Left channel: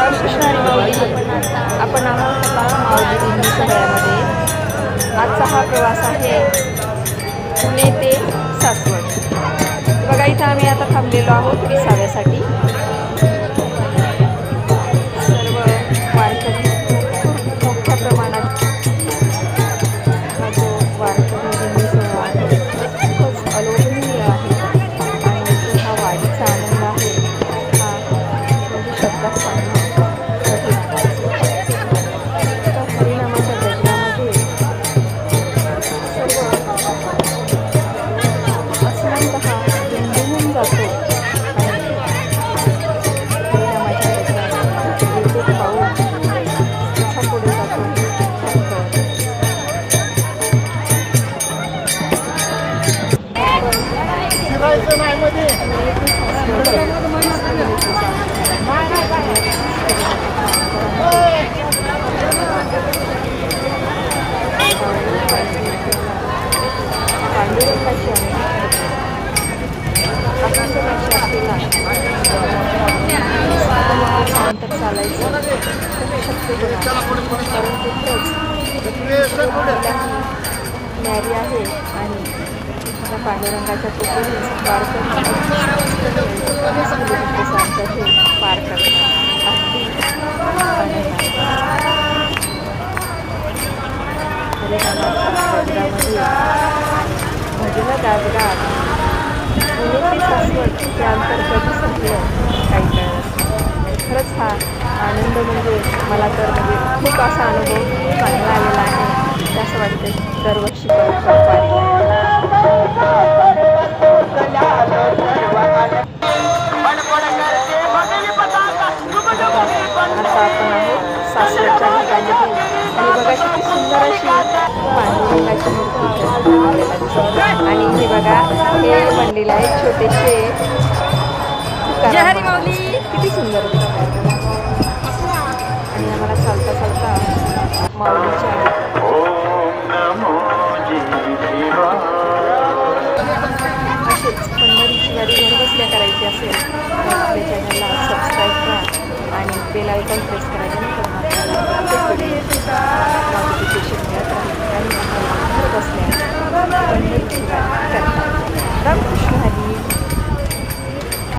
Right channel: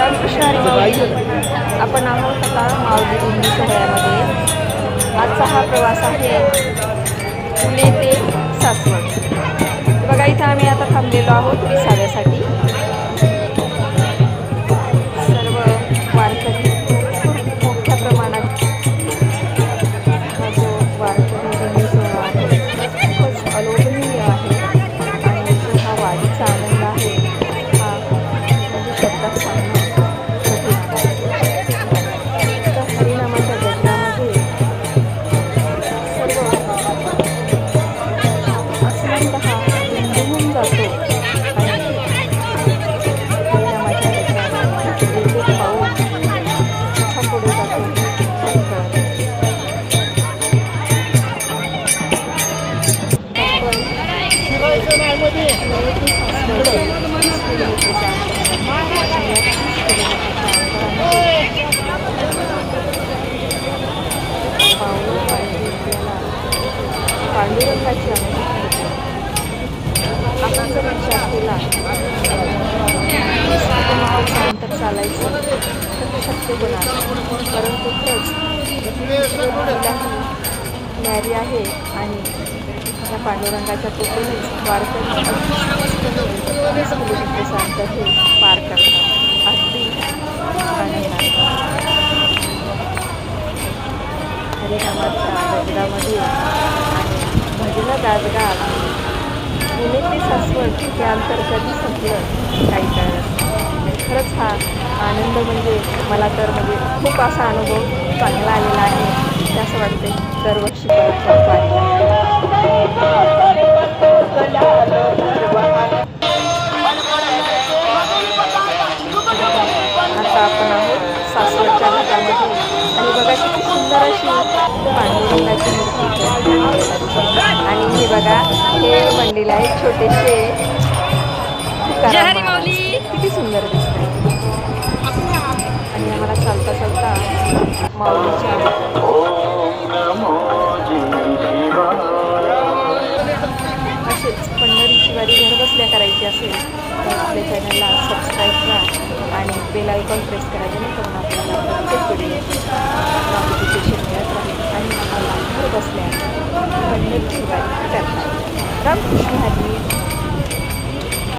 रामकृष्ण हरी माऊली. आपण आहोत आता माऊली दिंडी सोहळ्यामध्ये. आजचा हा प्रवास आहे पुणे ते सासवड. बघा इथं आम्ही आता थांबलेलो आहोत विसाव्यासाठी. सर्व वारकरी भरपूर मोठ्या प्रमाणात हा जो वारकरी दिंडी सोहळा आहे खूपच अलोभनीय आहे. आणि जो हा वारीचा आनंद आहे हा म्हणजे शब्दात सांगणं कठीण आहे. तर हरिनामाच्या गजरामध्ये सर्व आसमंत हा दुमदुमून जातो. आणि हरिनामाच्या गजरात एक एक पाऊल कसा पुढे जातो काही कळत नाही. पांडुरंगाची अनुभूती आपण जर विचार केला अंतर चालायचं तर शक्य होणार, परंतु खरंच न्यारी आहे. आणि त्या पांडुरंगाच्या कृपेनेच वारकरी अगदी किलोमीटरचं अंतर हे पार करतात अगदी आनंदाने. हरिनामाच्या गजरामध्ये आणि भजनं गात पुणे ते सासवड हे अंतर कधी संपलं काही कळत नाही. खरंच हा आनंद म्हणजे मला तर म्हणजे खूप असा अनुभव चांगला आलेला आहे. असं वाटते दरवर्षी परत वारीला. आता आपण आहोत सासवडच्या घाटामध्ये. आणि बघा किती सुंदर अशी पांडुरंगाची मूर्ती आपल्याला दिसते. आणि हे बघा हे मंदिर आहे छोटेसे तुकाराम महाराज. किती सुंदर दिसतात. आणि आम्हाला चालता चालता माऊलीच्या असेच पंढरीची वारी घरबसल्या करायची असेल तर आपल्या चॅनलला सबस्क्राईब करा आणि बेल आयकॉन प्रेस करा, जेणेकरून आपल्याला प्रत्येक व्हिडिओची नोटिफिकेशन मिळत राहील आणि आपल्याला घर बसल्या पंढरीची वारी करता येईल. रामकृष्ण हरी.